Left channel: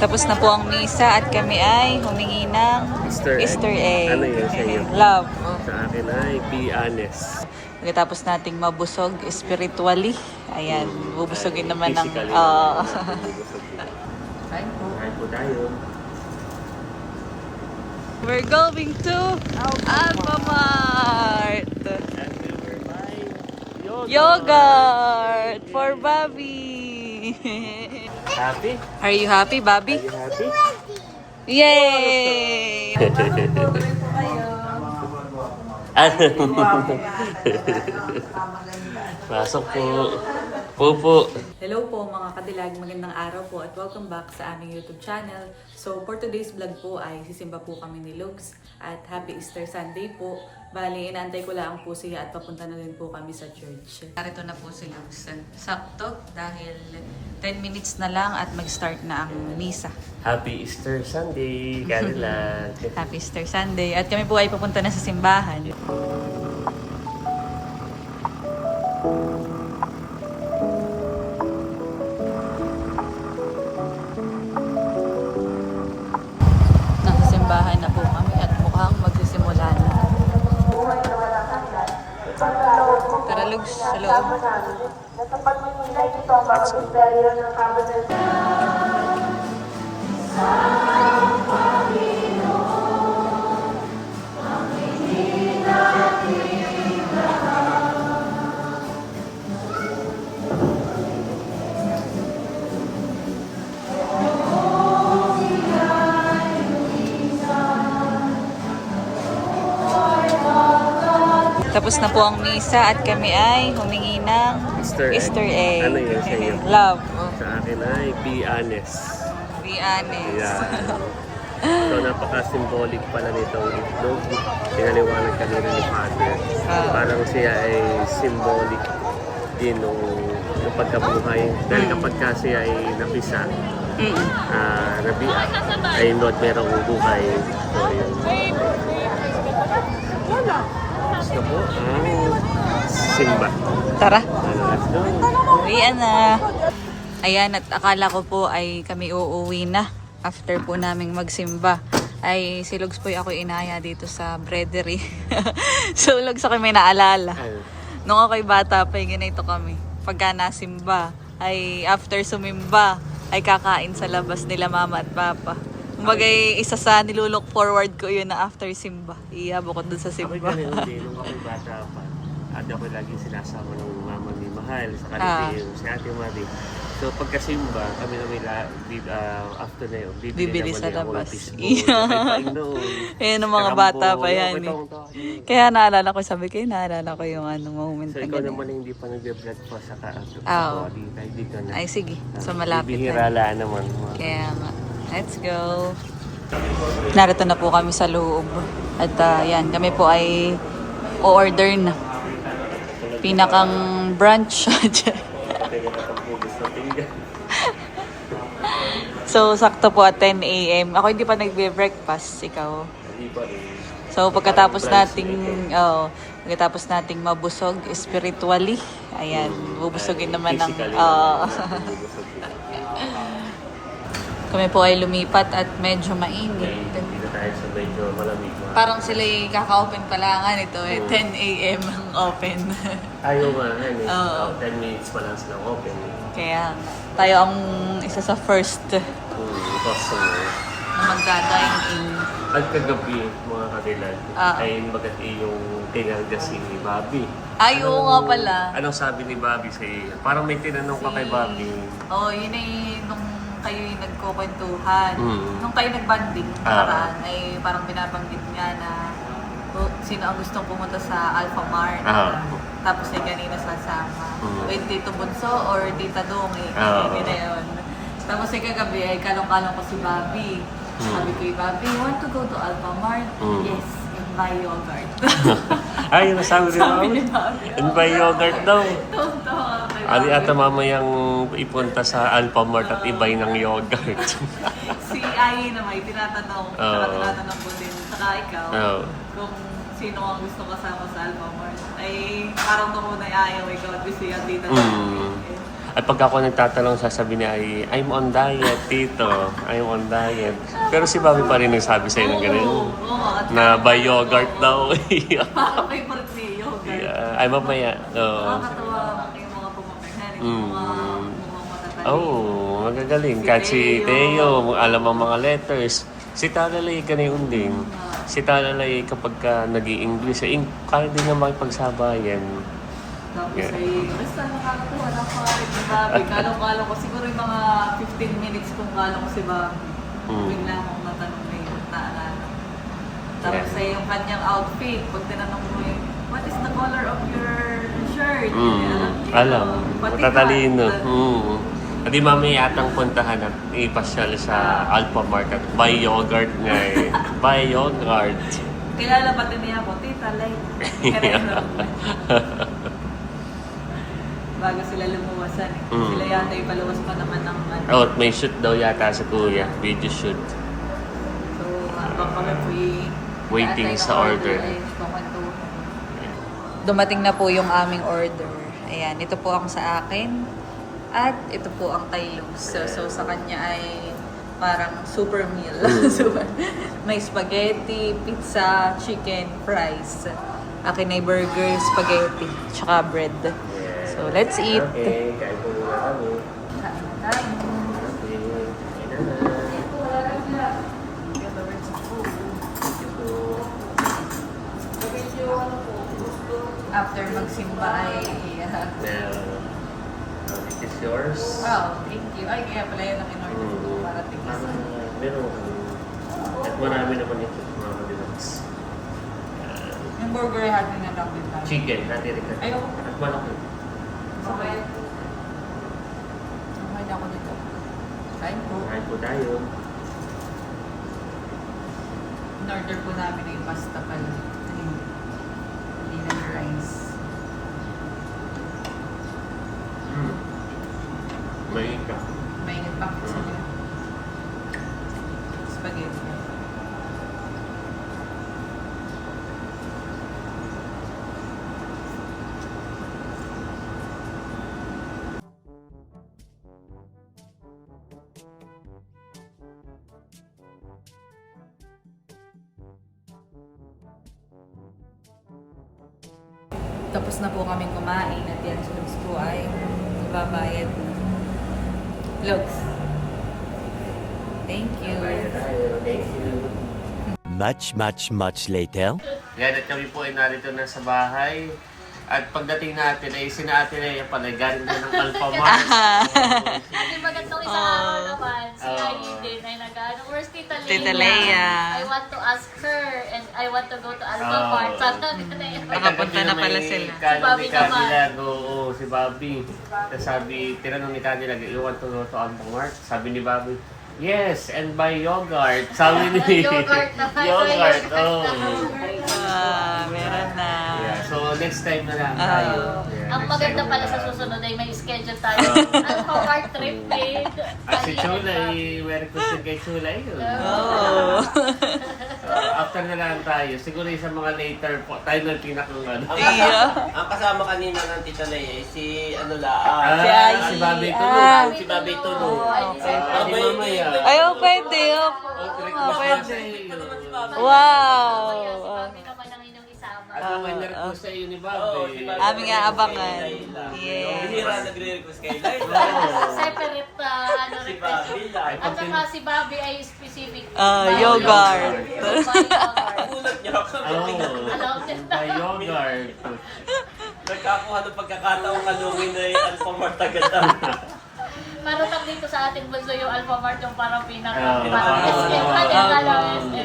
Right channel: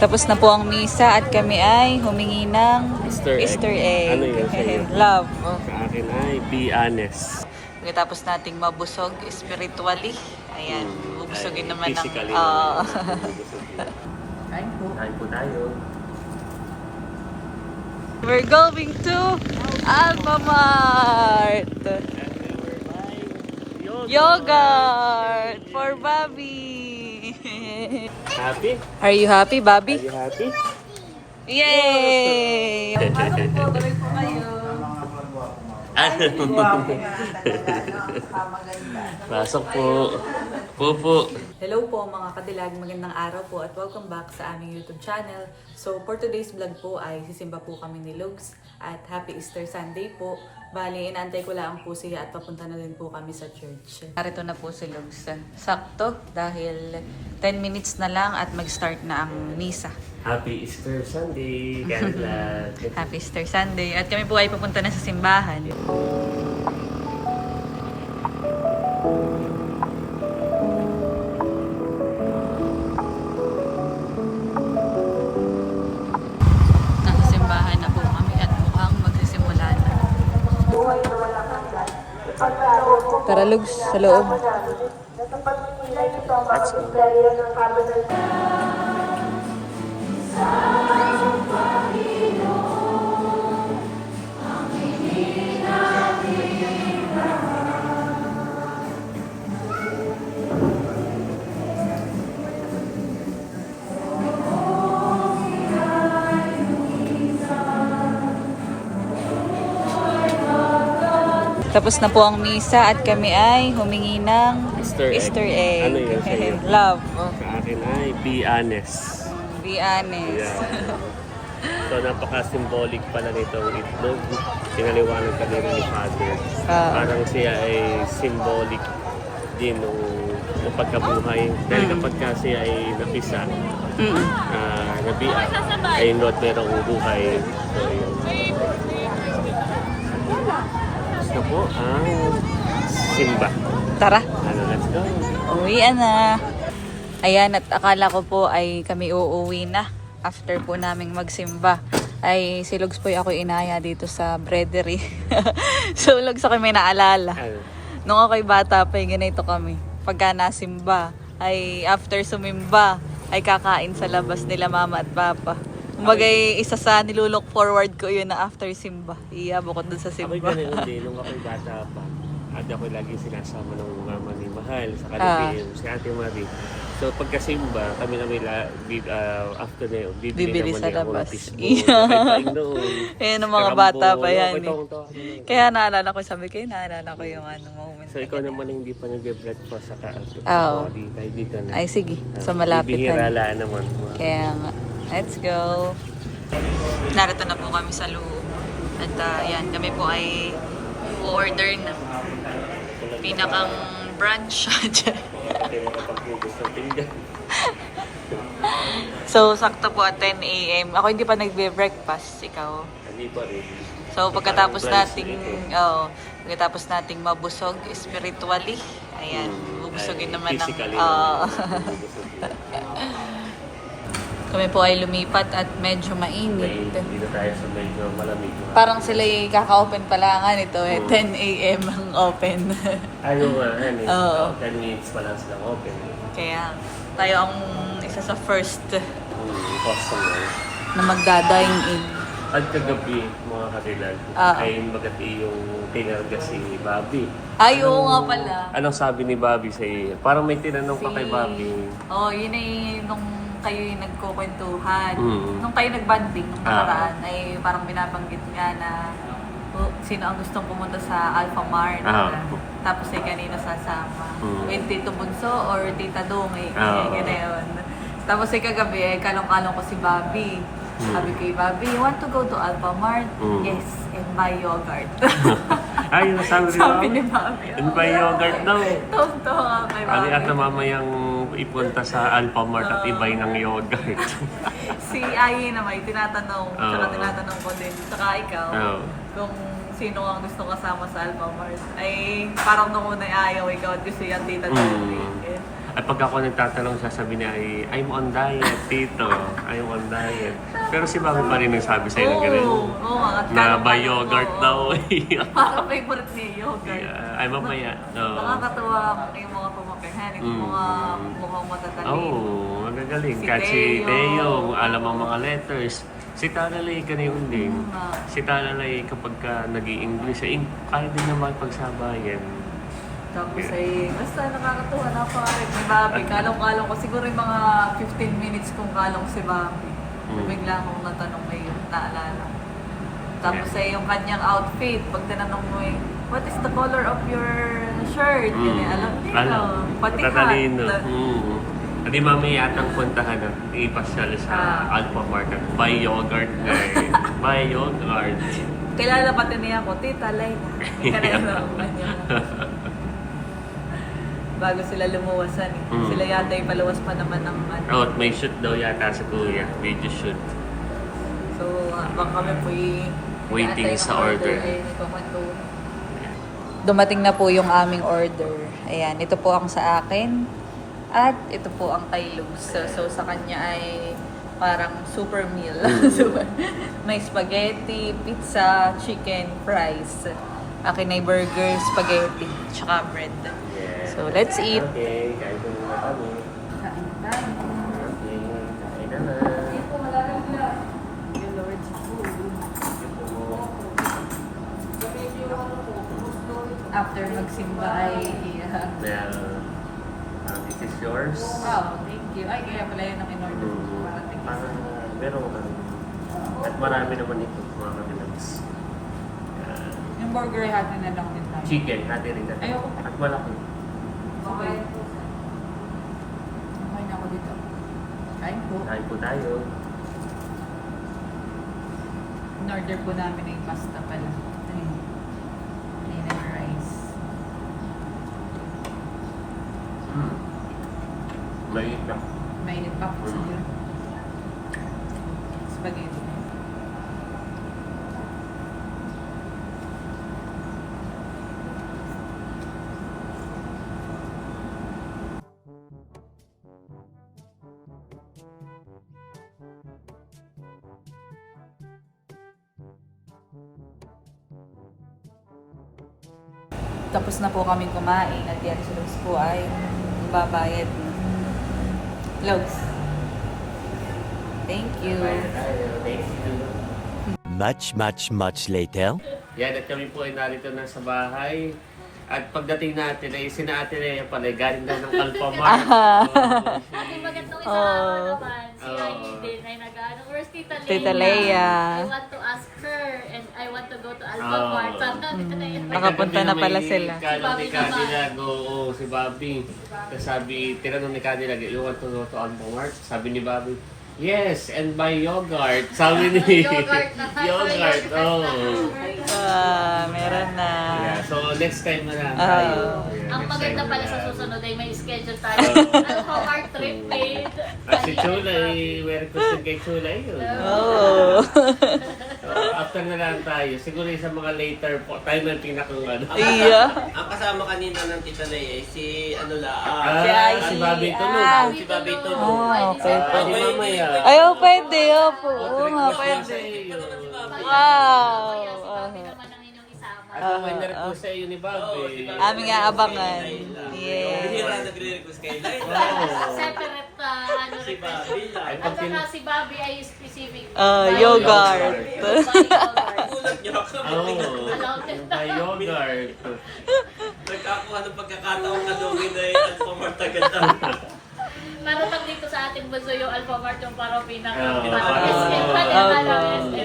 Tapos na po ang misa at kami ay humingi ng Easter egg. Ano yun sa'yo? Love. Sa akin ay be honest. Pagkatapos nating mabusog spiritually, ayan, bubusogin naman ng... Physically. Kain po tayo. We're going to Alphamart. Yogurt for Bobby. Happy? Are you happy, Bobby? Are you happy? Yay! Tuloy po kayo. Pasok po. Po. Hello po mga kadilag, magandang araw po at welcome back sa aming YouTube channel. So for today's vlog po ay sisimba po kami ni Lugs at Happy Easter Sunday po. Bali, inaantay ko lang po siya at papunta na din po kami sa church. Narito na po si Lugs. Sakto dahil 10 minutes na lang at mag-start na ang misa. Happy Easter Sunday, Cadillac. Happy Easter Sunday at kami po ay papunta na sa simbahan. Nakasimbahan na po kami at mukhang magsisimula na. Tara Lugs, sa loob. Let's go. Tapos na po ang misa at kami ay humingi ng Easter egg. Ano yun sa'yo? Love. Sa akin ay be honest. Be honest. Yan. So napaka-symbolic pala nitong itlog. Pinaliwanag kami rin ni Father. Parang siya ay symbolic din ng pagkabuhay. Dahil kapag ka siya ay napisa, nabiak, ay not merong buhay. So yun. Gusto po ang simba. Tara. Let's go. Uwian na. Ayan, at akala ko po ay kami uuwi na after po naming magsimba. Ay si Lugs po ako inaya dito sa breadery. So Lugs ako may naalala. Nung ako'y bata pa, ganito kami. Pagka nasimba, ay after sumimba, ay kakain sa labas nila mama at papa. Kumbagay, isa sa nilulook forward ko yun na after simba. Iabot ko dun sa simba. Ako'y ganun din, nung ako'y bata pa. At ako'y lagi sinasama ng mama ni Mahal sa kanila si Ate Marie. So pagkasimba, kami na may after na yun, bibili sa naman labas. Ayan ang mga bata pa yan eh. Kaya naalala ko, sabi ko, naalala ko yung moment. So ikaw naman hindi pa nag-breakfast sa kaasok. Oo. Dito na. Ay sige, so malapit Bihira na. naman. Kaya nga, let's go. Narito na po kami sa loob. At yan, kami po ay o-order na. Pinakang brunch. So, sakto po at 10 a.m. Ako hindi pa nagbe-breakfast. Ikaw? Hindi pa rin. So, pagkatapos nating mabusog spiritually, ayan, bubusogin naman ng... Kami po ay lumipat at medyo mainit. Dito tayo sa medyo malamig. Parang sila kaka-open pa lang nito 10 a.m. ang open. Ayaw nga, 10 minutes pa lang silang open. Kaya tayo ang isa sa first Customer. na magda-dine in. At kagabi, mga katilag, ay magati yung tinanda si Bobby. Ay, oo nga pala. Anong sabi ni Bobby sa iyo? Parang may tinanong ka kay Bobby. Yun ay nung kayo nagkukwentuhan. Nung kayo nagbanding, nung nakaraan, ay parang binabanggit nga na sino ang gustong pumunta sa Alphamart. Tapos ay kanina sasama. With Tito Bunso or Tita Dong. Ganoon. Tapos ay kagabi ay kalong-kalong ko si Bobby. Sabi ko, Bobby, you want to go to Alphamart? Yes, and buy yogurt. Ay, yung sabi ni Bobby. And buy yogurt daw. Tawa kay Ali Bobby. ata mamayang ipunta sa Alphamart at ibay ng yogurt. Si Ayi naman, tinatanong. Saka tinatanong ko din. Saka ikaw, kung sino ang gusto kasama sa Alphamart. Ay, parang nung una ayaw, ikaw at gusto yan dito. At pag ako nagtatanong, sasabihin niya ay, I'm on diet, tito. I'm on diet. Pero si Bobby pa rin nagsabi sa'yo ng ganun. Oo, at Na by yogurt daw. Favorite ni yogurt. Ay, mamaya. Nakakatawa yung mga pumapaghan, yung mga mukhang matatalino. Oh, magagaling. Si Kahit si Teo. Teo, alam ang mga letters. Si Talalay, ganyan din. Si Talalay, kapag ka nag-i-English, kaya din niya makipagsabayan. Tapos ay, basta nakakatuwa na parang si Bobby. Kalong-kalong ko, siguro yung mga 15 minutes kung kalong si Bobby. Bigla akong natanong na yun, naalala. Tapos ay yung kanyang outfit, pag tinanong mo yung, what is the color of your shirt? Alam niya. Alam. Pati Matatalino. hat. At di mamaya yatang puntahan at ipasyal sa Alpha Market. Buy yogurt nga eh. Buy yogurt. Kilala pati niya ako, Tita Layla. Bago sila lumuwasan eh. Sila yata yung paluwas pa naman ng ano. Oh, at may shoot daw yata sa kuya. Video shoot. So, habang kami po Waiting sa order. Dumating na po yung aming order. Ayan, ito po ang sa akin. At ito po ang kay Lugs. So sa kanya ay parang super meal. May spaghetti, pizza, chicken, fries. Akin ay burger, spaghetti, tsaka bread. So let's eat. Okay, kain po muna kami. After magsimba ay This is yours. wow, thank you. Ay, kaya pala yun ang in-order ko para Parang meron mo kami. At marami naman ito mga deluxe. yung burger ay natin na lang din tayo. Chicken, natin rin. Ay, oo. At malaki. Okay. Okay na ako dito. Kain po. Kain po tayo. In-order po namin ay pasta pala. May rice. Mainit ka. Mainit pa po sa nila. Spaghetti. Tapos na po kaming kumain at yan si Lugs po ay babayad na. Lugs. Thank you. Thank you. Much later. Yan, at kami po ay narito na sa bahay. At pagdating natin ay sinaati na yung pala, galing na ng Alpha Mart. Kasi magandang isang araw naman, si Irene din ay nag-ano, where's Tita Leia? Tita Leia. I want to ask her and I want to go to Alpha Mart. Sabi na, Tita Leia. Nakapunta na pala sila. Kalong ni Si Bobby Cadillac, oo, si Bobby. Tapos sabi, tinanong ni Cadillac, you want to go to Alpha Mart? Sabi ni Bobby, yes, and buy yogurt. Sabi ni Yogurt na. yogurt, oh. Meron na. Yeah, so next time na lang tayo. Yeah, Ang next maganda time pala na sa lang. susunod ay may schedule tayo. Alpha Mart trip din. At si Chula, very question kay Chula yun. Oh. So, after na lang tayo, siguro sa mga later po, tayo na yung pinakang ano. Iya. Ang kasama kanina ng Tita Lea ay si ano Ah, la, Si Ai. si Bobby Ah. tulog. si Babi Tulog. Okay po. Mamaya. Ay, oh, pwede. Opo. Oo nga, pwede. Wow. Kami naman ang inyong isama. At may na-request sa iyo ni Bobby. Aming aabangan. Hindi Yes. na nagre-request kay Laila. Separate ano Si rin. Babi lang. At saka si Bobby ay specific. Yogurt. Gulat niyo ako. Oh, by yogurt. Nagkakakuha ng pagkakataong kalungin na yung Alphamart agad lang. Parang lang dito sa ating bunso yung Alpha Mart yung parang pinaka. Yan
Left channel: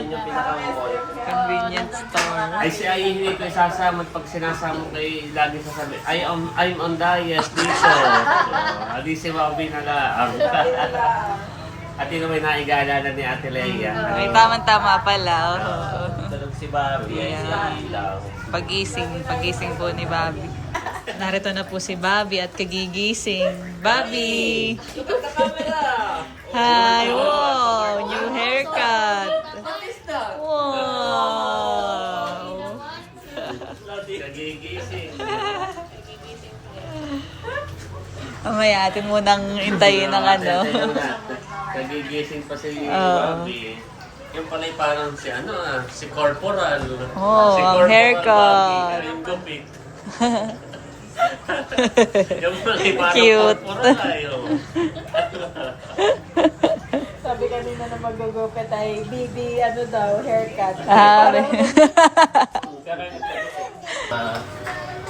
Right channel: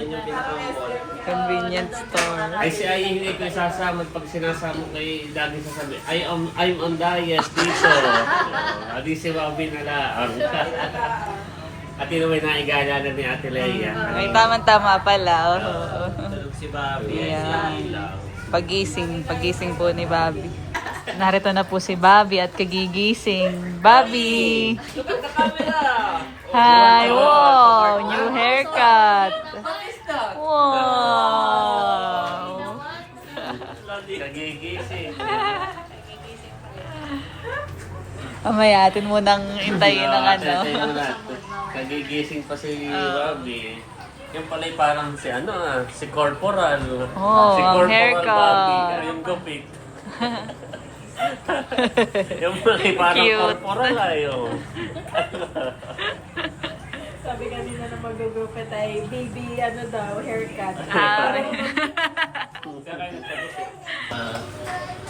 yung pinaka-mall. Convenience store. Ay si Ai hindi ko isasama pag sinasama kay lagi sasabi, I'm on diet dito. Adi si Bobby na lang. At yun may naigala na ni Ate Leia. Ay, tama-tama pala. Oh. Tulog si Babi. Yan. Ilaw. Pagising po ni Bobby. Narito na po si Bobby at kagigising. Bobby! Hi! Wow! New haircut! Wow! Nagigising. Mamaya, atin munang intayin ng ano. Nagigising pa si Oo. Bobby. Yung pala yung parang si si Corporal. Oh, Si ang Corporal haircut. Bobby, yung gupit. Yung pala yung parang Cute. Corporal ayo. Sabi kanina na mag-gupit ay baby, ano daw, haircut.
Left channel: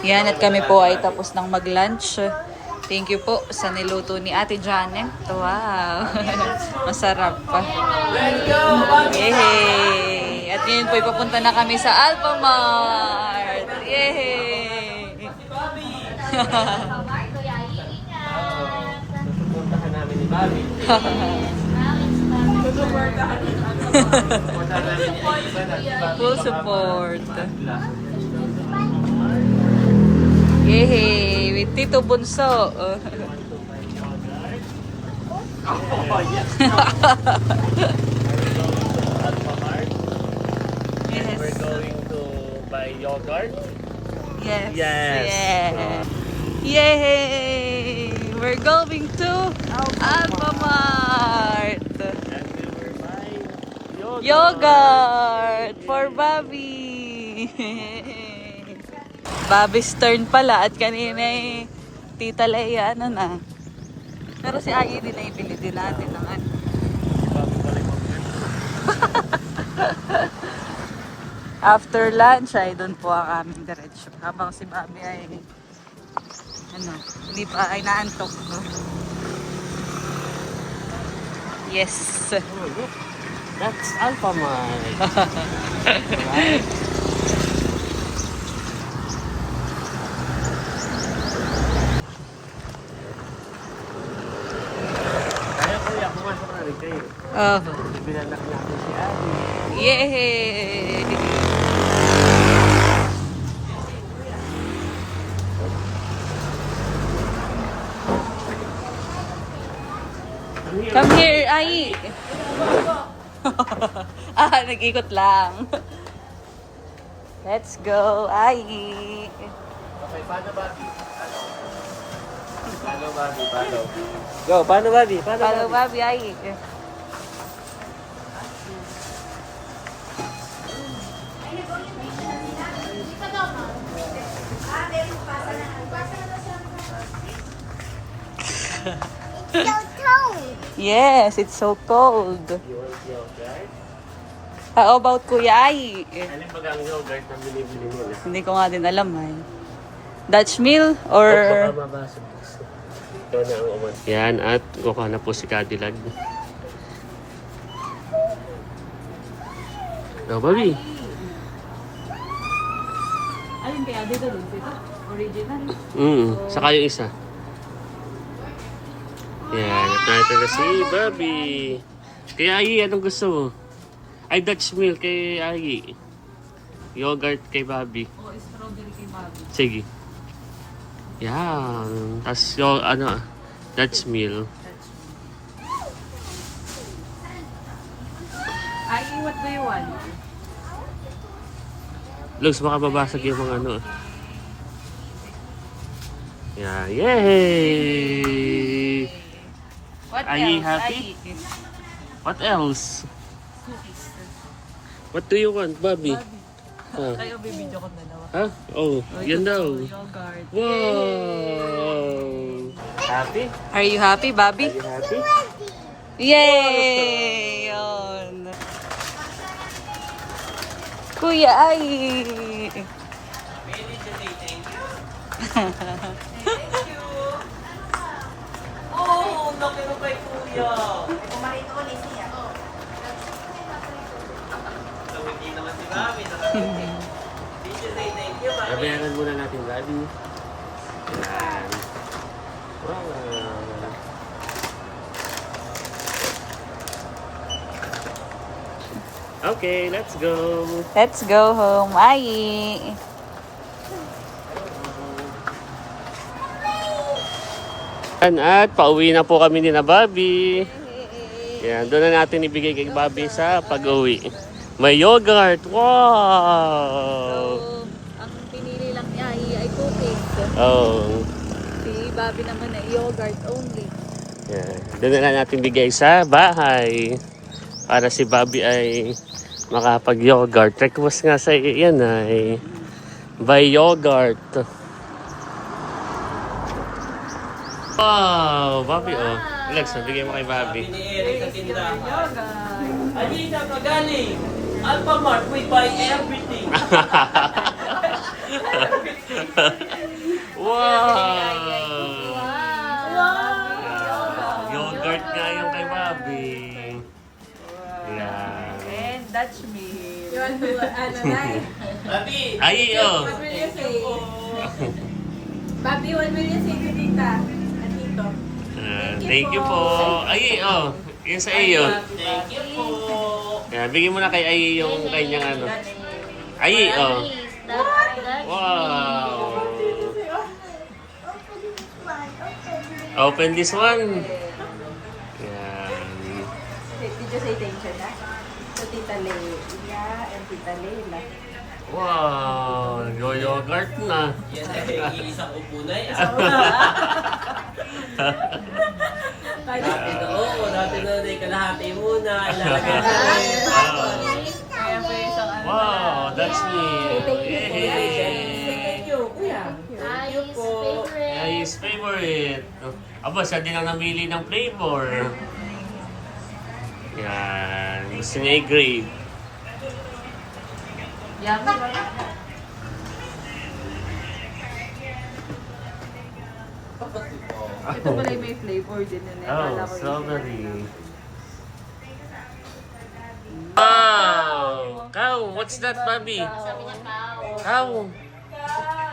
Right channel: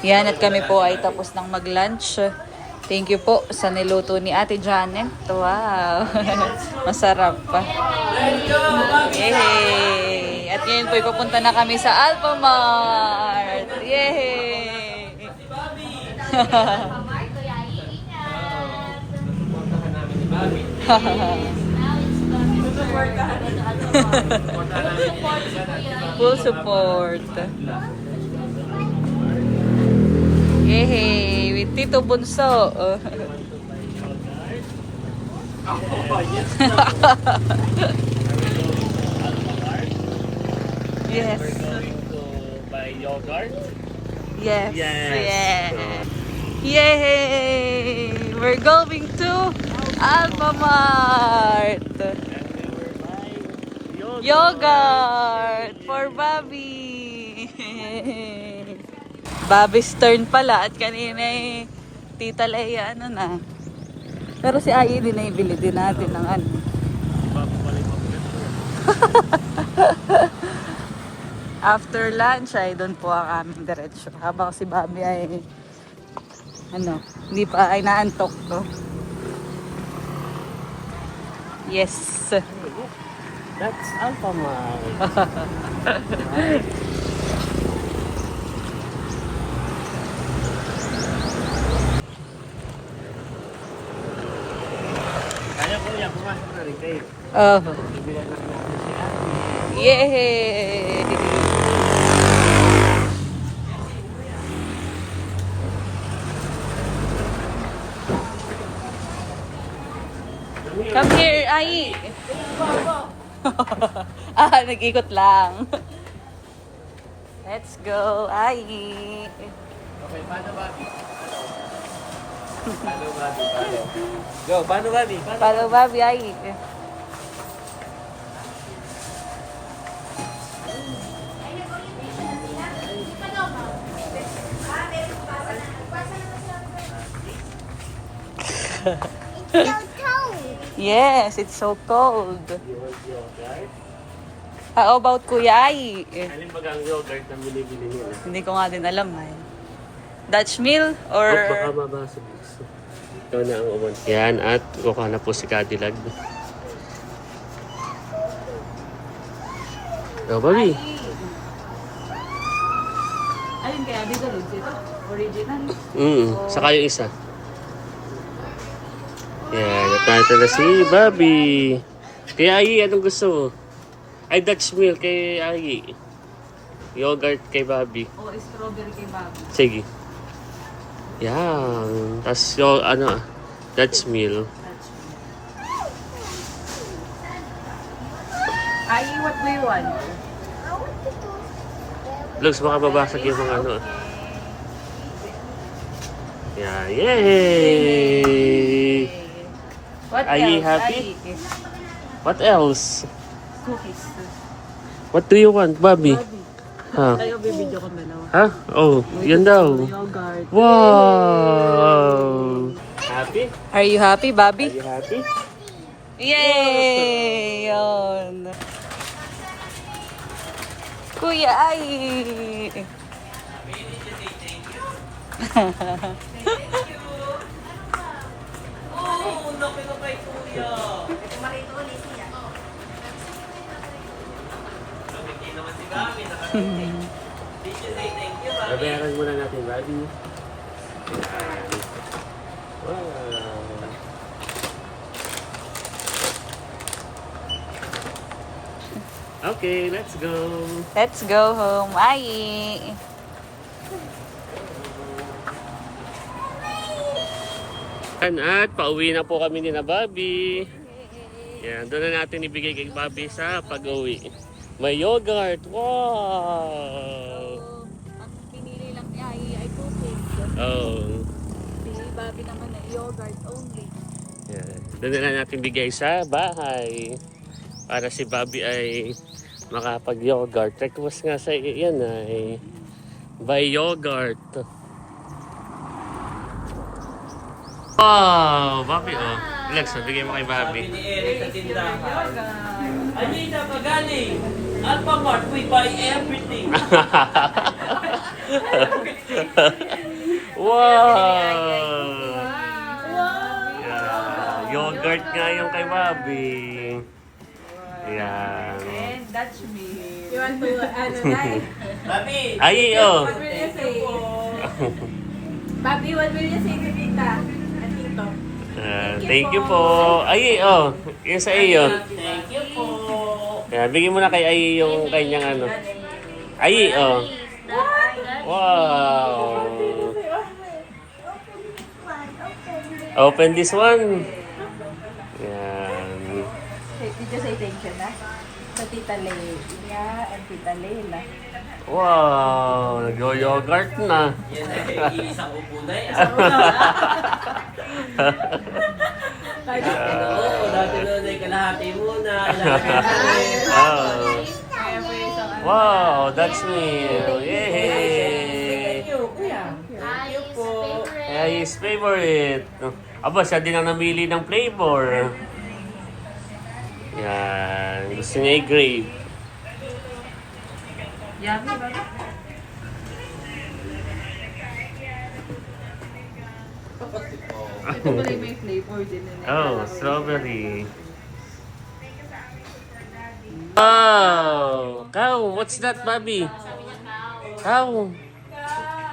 Yan, at kami po ay tapos ng mag-lunch. Thank you po sa niluto ni Ate Janet. Wow! Masarap pa. Yay! At ngayon po ipapunta na kami sa Alphamart. Yay! Puntahan namin ni Bobby. Full support. Yay! With Tito Bunso. Yes. We're going to buy yogurt. Yes. Yes. Yes. Yay! We're going to Alphamart. Yogurt for Bobby. Bobby's turn pala at kanina eh, Tita Leia, ano na. Pero si Ai din na ibili din natin ng ano. After lunch ay doon po ang aming diretsyo. Habang si Bobby ay ano, hindi pa ay naantok no. Yes. That's Alphamart. Kaya kuya, pumasok na rin kayo. Oh. Bibilan na natin si Abby. Yay! Come here, Ai! Nag-ikot lang. Let's go, Ai! Okay, paano Bobby? Paano Bobby? Paano? Go, paano Bobby? Follow Bobby, Ai! Yes, it's so cold. You want yogurt? How about Kuya Ai? Alin ba ang yogurt na binibili nila? Hindi ko nga din alam ay. Dutch mill or... Baka mabasa. Ito na ang uwan. Yan, at kukuha na po si Cadillac. Oh, Bobby. Alin kaya dito din dito? Original. Saka yung isa. Yan, at na si Bobby. Kaya Ai, anong gusto mo? Ay, Dutch milk kay Ai. Yogurt kay Bobby. O strawberry kay Bobby. Sige. Yan. Tapos yung Dutch meal. Ai, what do you want? Looks baka babasag yung mga ano. Yeah, yay! What Are you else? happy? Ai? What else? Cookies. What do you want, Bobby? Ha? Kayo bibidyo ko na lang. Ha? Oh, yun daw. Yogurt. Wow! Happy? Are you happy, Bobby? Are you happy? Yay! Yun. Kuya Ai! Babayaran muna natin, Bobby. Yan. Wow. Okay, let's go. Let's go home, Ai! At pauwi na po kami ni na Bobby. Yan, doon na natin ibigay kay Bobby sa pag-uwi. May yogurt. Wow! Ang pinili lang ni Ai ay cookies. Oh. Si Bobby naman ay yogurt only. Yan. Doon na lang natin bigay sa bahay. Para si Bobby ay makapag-yogurt. Request nga sa yan ay buy yogurt. Wow! Bobby oh. Lex, bigyan mo kay Bobby. Ni Eric sa tindahan. Alina, magaling. Alphamart, we buy everything. Wow! Yogurt nga yung kay Bobby. Yan. And Dutch milk. You want to, Nay? Bobby, Ay, oh. What will you say? Bobby, what will you say to Tita? At Tito? Thank you po. Ay, oh. Yung sa iyo. thank you po. Yan, bigyan mo na kay Ay yung kanyang ano. Ay, oh. Wow. Open this one. Yan. Did you say thank you na? To Tita Leila and Tita Leila. Wow. Yogurt na. Yan ay iisang upo na eh. Oo, dati na ay kalahati muna. Oh. Wow, that's me. Yay! Thank you po. Yeah, his favorite. Aba, siya din ang namili ng flavor. Yan. Gusto niya i-grape. Yummy. Ito pala yung may flavor din. Oh, strawberry. Oh, cow. What's that, Bobby? Cow.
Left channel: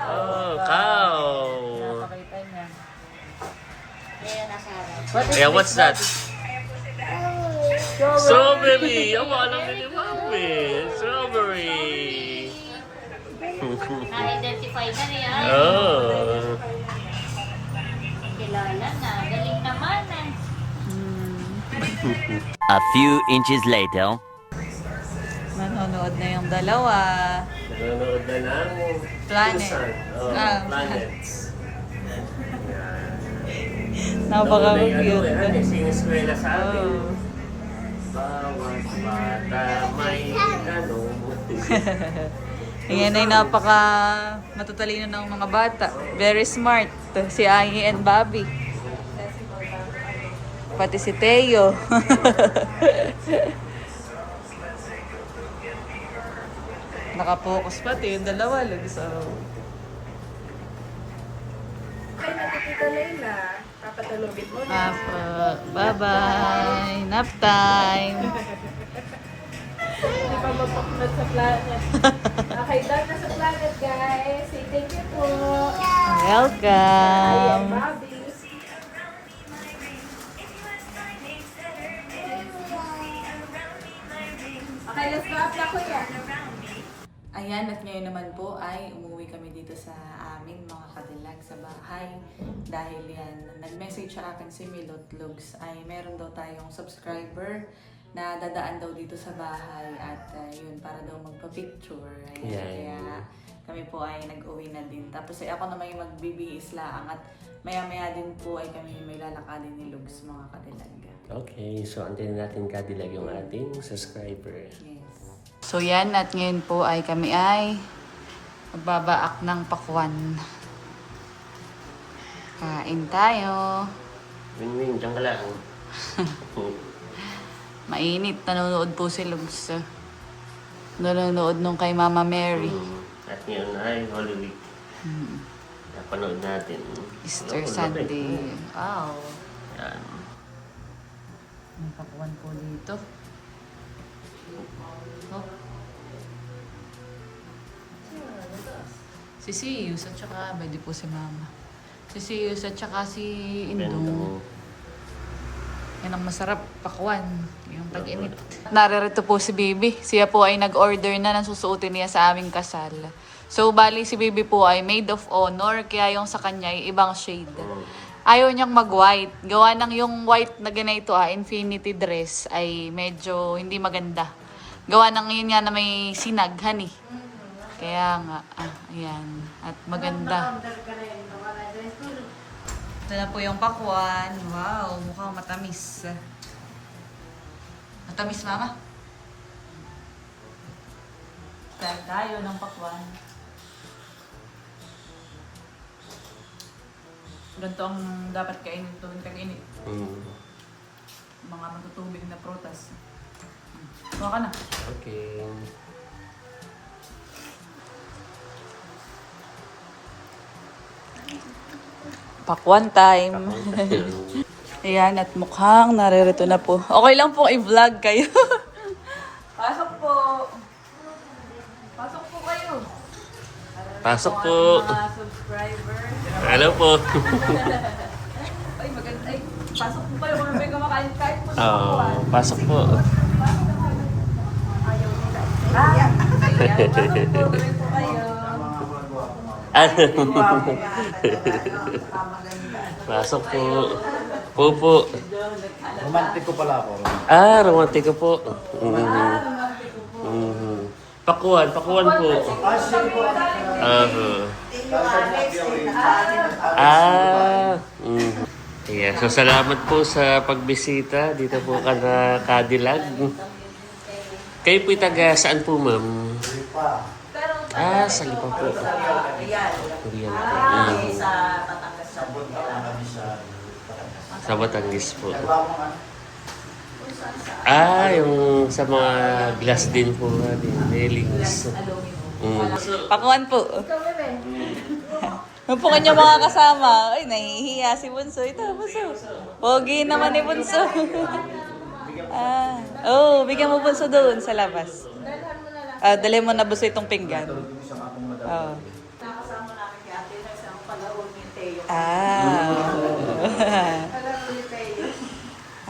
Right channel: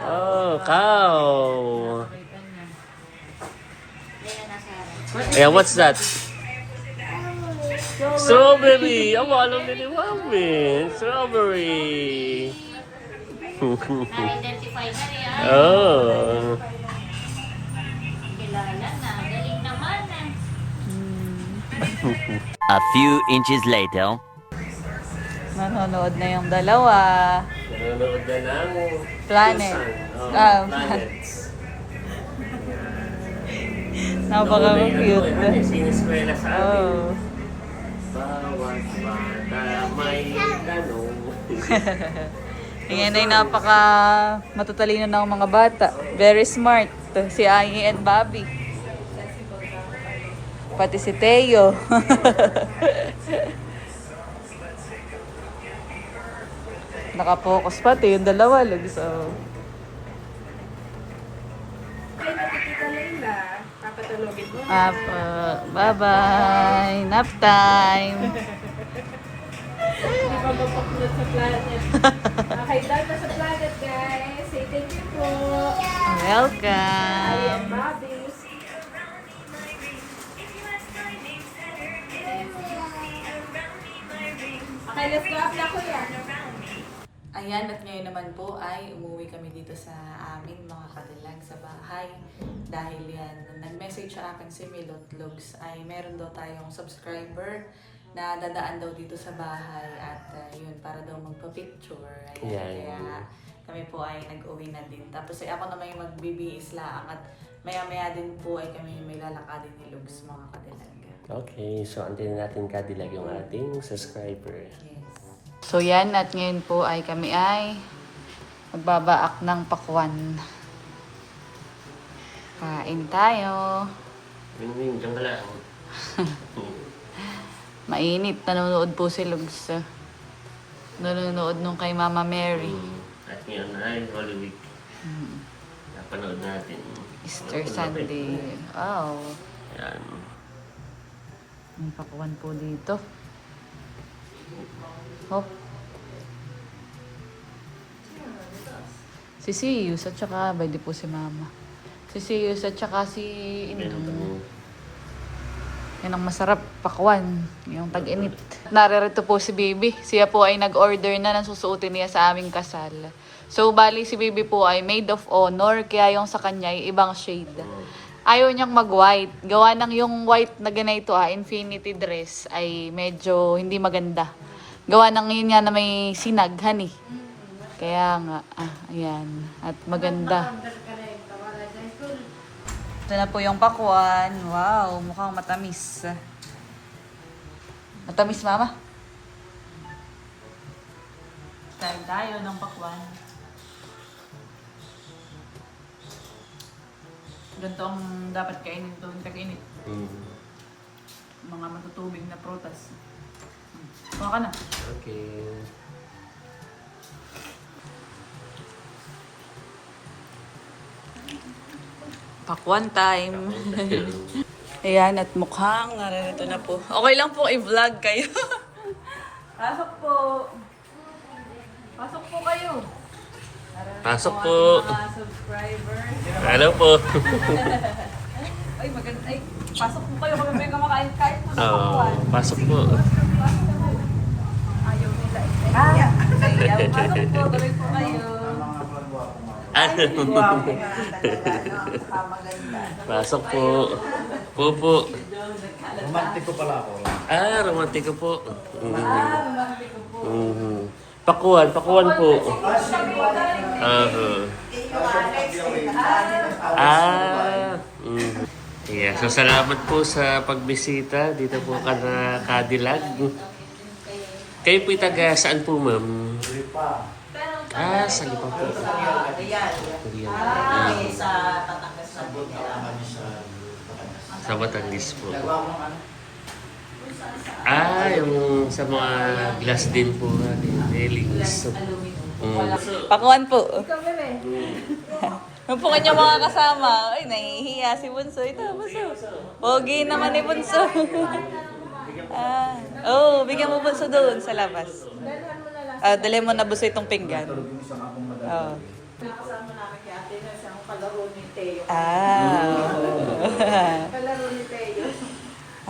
Oh, cow. Pakita niya. Yeah, what's that? Strawberry. Oh, alam na ni Bobby. Strawberry. Na-identify na niya. Oh. Kilala na. Galing naman A few inches later. Nanonood na yung dalawa. Nanonood na ng Planet. Oh, Ah, planets. Napaka-cute. Siniskwela sa amin. Oh. Bawat bata may tanong. Yan ay napaka matutalino ng mga bata. Very smart. Si Angie and Bobby. Pati si Teo. Nakapokus pati yung dalawa. So, Ay, Tita Leila. Papatulogin mo. bye-bye. Nap time. Papapaklot sa planet. Okay, done na sa planet, guys. Say thank you po. Ayan, Welcome. Bobby. Okay, let's go up na kuya. Ayan, at ngayon naman po ay umuwi kami dito sa amin mga kadilag sa bahay. Dahil yan, nag-message sa akin si Milot Vlogs ay meron daw tayong subscriber na dadaan daw dito sa bahay at yun, para daw magpa-picture. Ayan, Yeah. kaya kami po ay nag-uwi na din. Tapos ay ako naman yung magbibihis lang at maya-maya din po ay kami may lalakadin ni Lugs mga kadilag. Okay, so antin natin kadilag yung ating subscriber. Yes. So yan, at ngayon po ay kami ay magbabaak ng pakwan. Kain tayo. Win-win, dyan ka lang. Mainit, nanonood po si Lugs. Nanonood nung kay Mama Mary. At ngayon ay Holy Week. Napanood natin. Easter Napanood Sunday. natin. Wow. Yan. May pakwan po dito. Hop. Si Siyus at saka, ba di po si Mama. Si Siyus at saka si Indong. Yan ang masarap, pakwan. Yung tag-init. Naririto po si Baby. Siya po ay nag-order na ng susuotin niya sa aming kasal. So, bali si Baby po ay maid of honor. Kaya yung sa kanya ay ibang shade. Ayaw niyang mag-white. Gawa ng yung white na ganito infinity dress ay medyo hindi maganda. Gawa ng yun nga na may sinaghan eh. Kaya nga, ayan. At maganda. Ito na po yung pakwan. Wow, mukhang matamis. Matamis, mama? Kain tayo ng pakwan. Ganito ang dapat kainin tuwing tag-init. Mga matutubig na prutas. Kuha ka na. Okay. Pakwan time. Ayan, at mukhang naririto na po. Okay lang po i-vlog kayo. Pasok po. Pasok po kayo. Pasok po. Mga subscribers. Hello po. Ay, maganda. Ay, pasok po kayo. Kung may kumakain, kahit po sa Oh, pakwan. pasok po. Ayaw nila. Ayan, pasok po. Tuloy po kayo. Pasok po. Po. Romantiko pala ako. Ah, romantiko po. Pakuan po. Yeah, so salamat po sa pagbisita dito po ka na Cadillac. Kayo po taga saan po, ma'am? Ah, sa Lipa po. Sa Batangas po. Ah, yung sa mga glass din po, yung railings. Pakwan po. Napukan niyo mga kasama. Ay, nahihiya si Bunso. Ito, Bunso. Pogi naman ni Bunso. Bigyan mo Bunso doon sa labas. Dali mo na Bunso itong pinggan. Oh.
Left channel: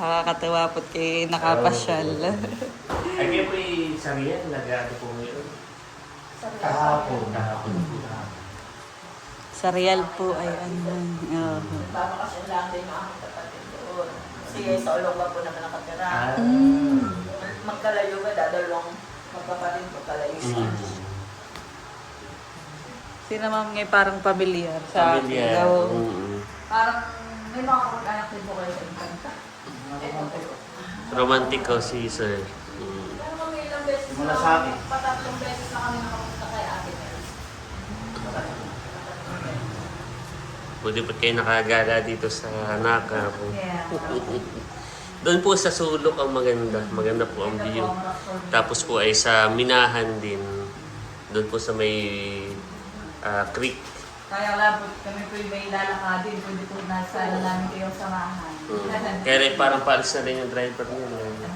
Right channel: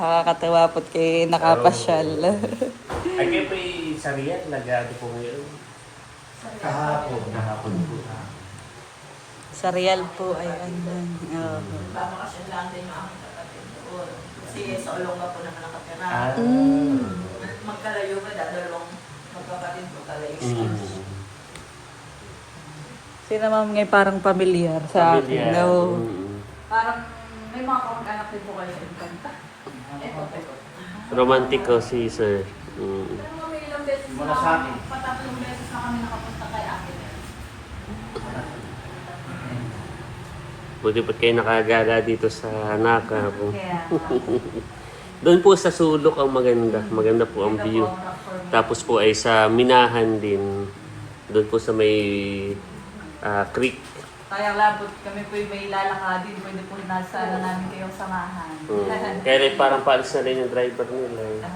Nakakatawa po't kay nakapasyal. Ay, kayo po yung sariyan, nag-ano po ngayon? Kahapon. Kahapon po. Sa Real po ay ano. Babakasyon lang din mga kapatid doon. Kasi sa Olongga po naman nakatira. Magkalayo ka, dadalawang magkapatid magkalayo siya. Sila ma'am ngay parang pamilyar sa Pamilya. Hello. Parang may mga kamag-anak din po kayo sa Infanta. Romantiko si sir. May ilang beses Mula sa akin. patatlong beses na kami nakapunta kay ate. Buti pa kayo nakagala dito sa Naka. Yeah. Doon po sa sulok ang maganda. Maganda po ang view. Tapos po ay sa Minahan din. Doon po sa may creek. Kaya labot kami po may lalakadin. Pwede po nasa namin kayong samahan. Kaya rin parang paalis na rin yung driver nila.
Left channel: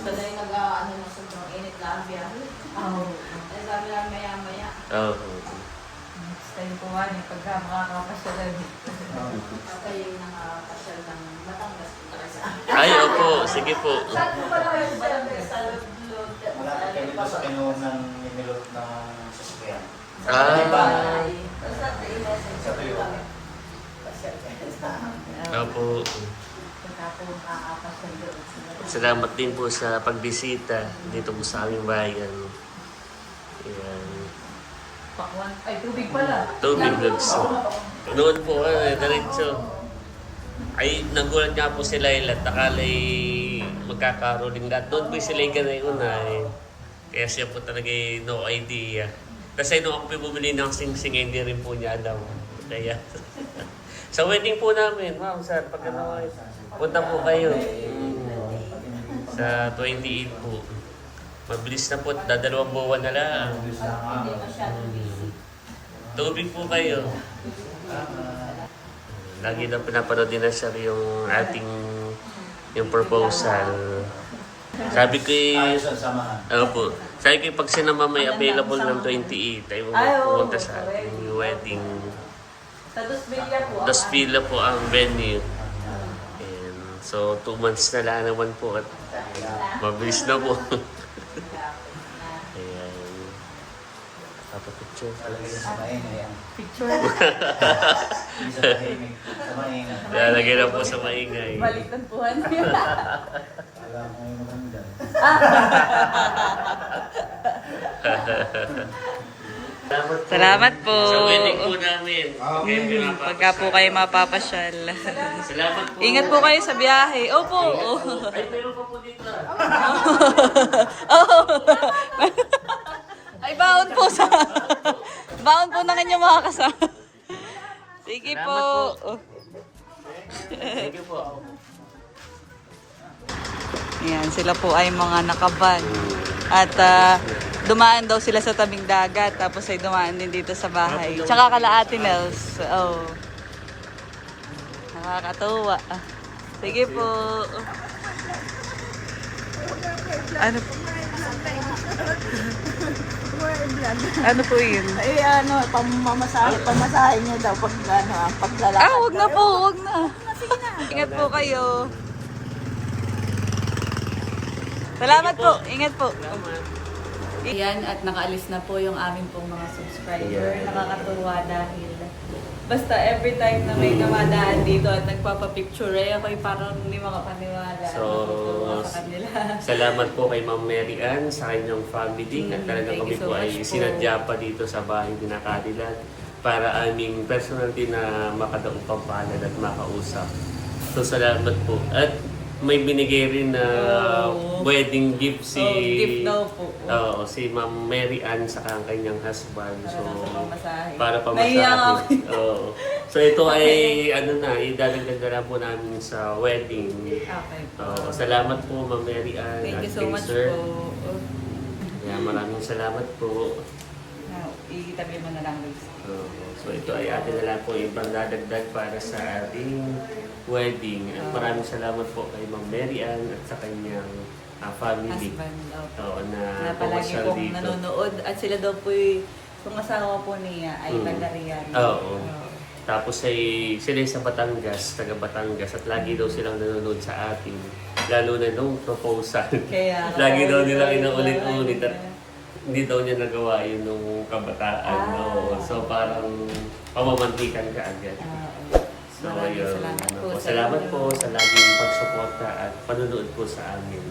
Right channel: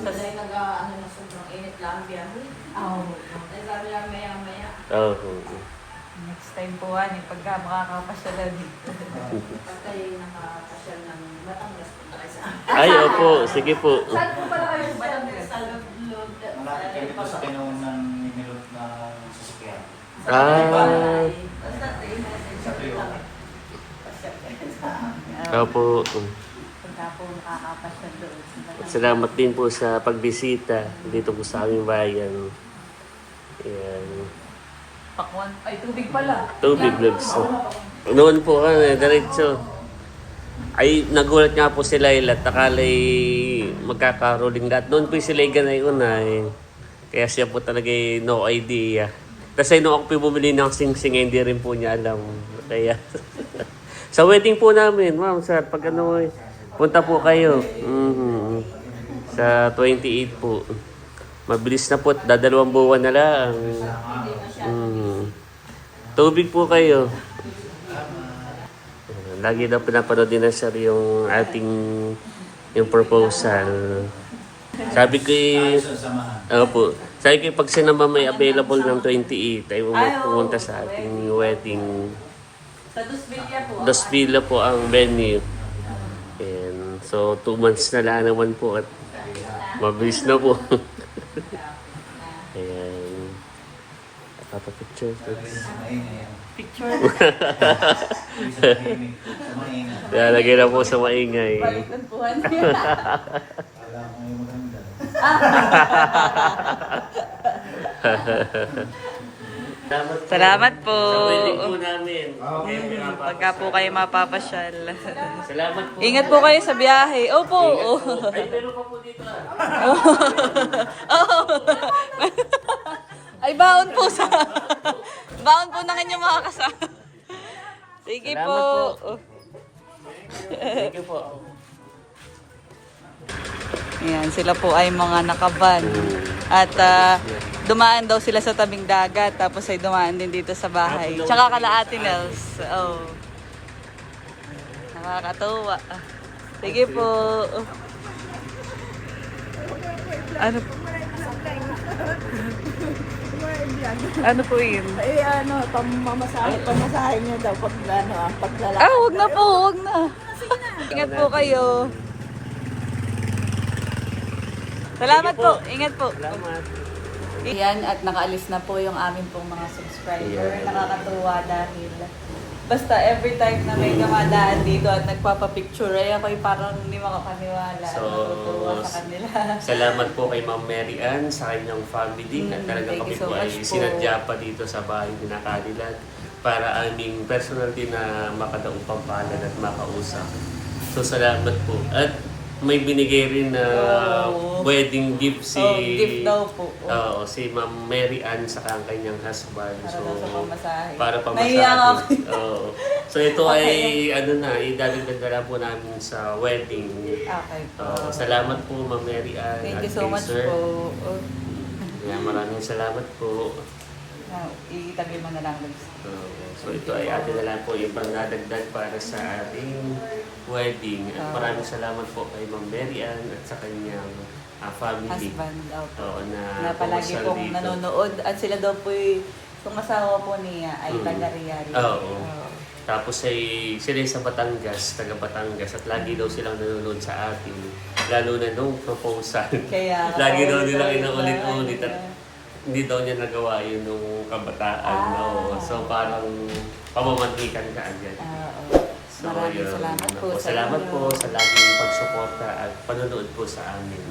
Sanay nag-ano na sobrang init lang biyahe. Ay sabi lang maya-maya. Next time po yung pagka makakapasyalan dito. Kayo nakakasyal ng Batangas po talaga sa Ay, opo. Sige po. Saan po pala kayo sa Batangas? Sa Lod. Malapit kami dito sa kinuha ng Miguelot na sasakyan. Basta i-message kami. Opo. Pagka po makakapasyal doon. Salamat din po sa pagbisita dito po sa aming bayan. Ayan. Pakwan. Ay, tubig pala. Tubig vlogs. Noon po diretso. Ay, nagulat nga po sila ilat. Akala'y magkakaroling lahat. Doon po sila ganay-unay. Kaya siya po talaga no idea. Kasi nung ako po bumili ng sing-sing, hindi rin po niya alam. Kaya, sa wedding po namin, ma'am, sir, pag ano, punta po kayo. Sa 28 po. Mabilis na po, dadalawang buwan na lang. Tubig po kayo. Lagi na pinapanood din na sir yung ating yung proposal. Sabi ko sabi ko pag sinama may available ng 28 ay pumunta sa ating wedding. Sa Dos Villa po. Dos Villa po ang venue. And so 2 months na lang naman po at mabilis na po. Ayan. Picture. Picture. Lalagay na po sa maingay. Baliktad po. Kala ko ngayon maganda. Salamat po. Sa wedding po namin. Pagka po kayo mapapasyal. Salamat po. Ingat po kayo sa biyahe. Opo. Meron pa po dito. Ay, baon po sa... baon po ng inyong mga kasama. Sige po. Ayan, sila po ay mga nakaban. At dumaan daw sila sa tabing dagat. Tapos ay dumaan din dito sa bahay. Tsaka kala Ate Nels. Oh. Nakakatuwa. Sige po. Ano po? Ano po yun? Ay, pamasahe niyo daw pag ang paglalakad. Ah, wag na po, wag na. Ingat po kayo. Salamat po, ingat po. Yan, at nakaalis na po yung aming pong mga subscriber. Nakakatuwa dahil basta every time na may dumadaan dito at nagpapapicture, ay ako'y parang hindi makapaniwala. So, Natutuwa sa kanila. Salamat po kay Ma'am Mary Ann sa kanyang family at talagang thank kami you so po ay much po. sinadya pa dito sa bahay ni Nakadilan para aming personal din na makadaong pampalad at makausap. So salamat po. At may binigay rin na wedding gift si gift daw po. Oo, si Ma'am Mary Ann sa kanyang husband. Para daw sa pamasahe. Para Naiyak pamasahe. ako. Oo. So ito ay ano na, idadagdag na lang po namin sa wedding. Okay po. Salamat po Ma'am Mary Ann. Thank you at so kay much Sir. po. Yeah, maraming salamat po. Itabi mo na lang guys. So ito ay atin na lang po yung pangdadagdag para sa ating wedding. At maraming salamat po kay Ma'am Mary Ann at sa kanyang family. Husband daw po. Oo, Na palagi pumasal pong dito. nanonood. At sila daw po yung asawa po niya ay taga-Rial. Oo. Tapos ay sila sa Batangas, taga Batangas, at lagi daw silang nanonood sa atin. Lalo na nung proposal. Kaya lagi daw nilang paulit-ulit inaulit-ulit lang. at hindi daw niya nagawa yun nung kabataan. No? So parang pamamanhikan ka agad. So, Maraming yun. salamat po sa Salamat inyo. po sa laging pagsuporta at panonood po sa amin.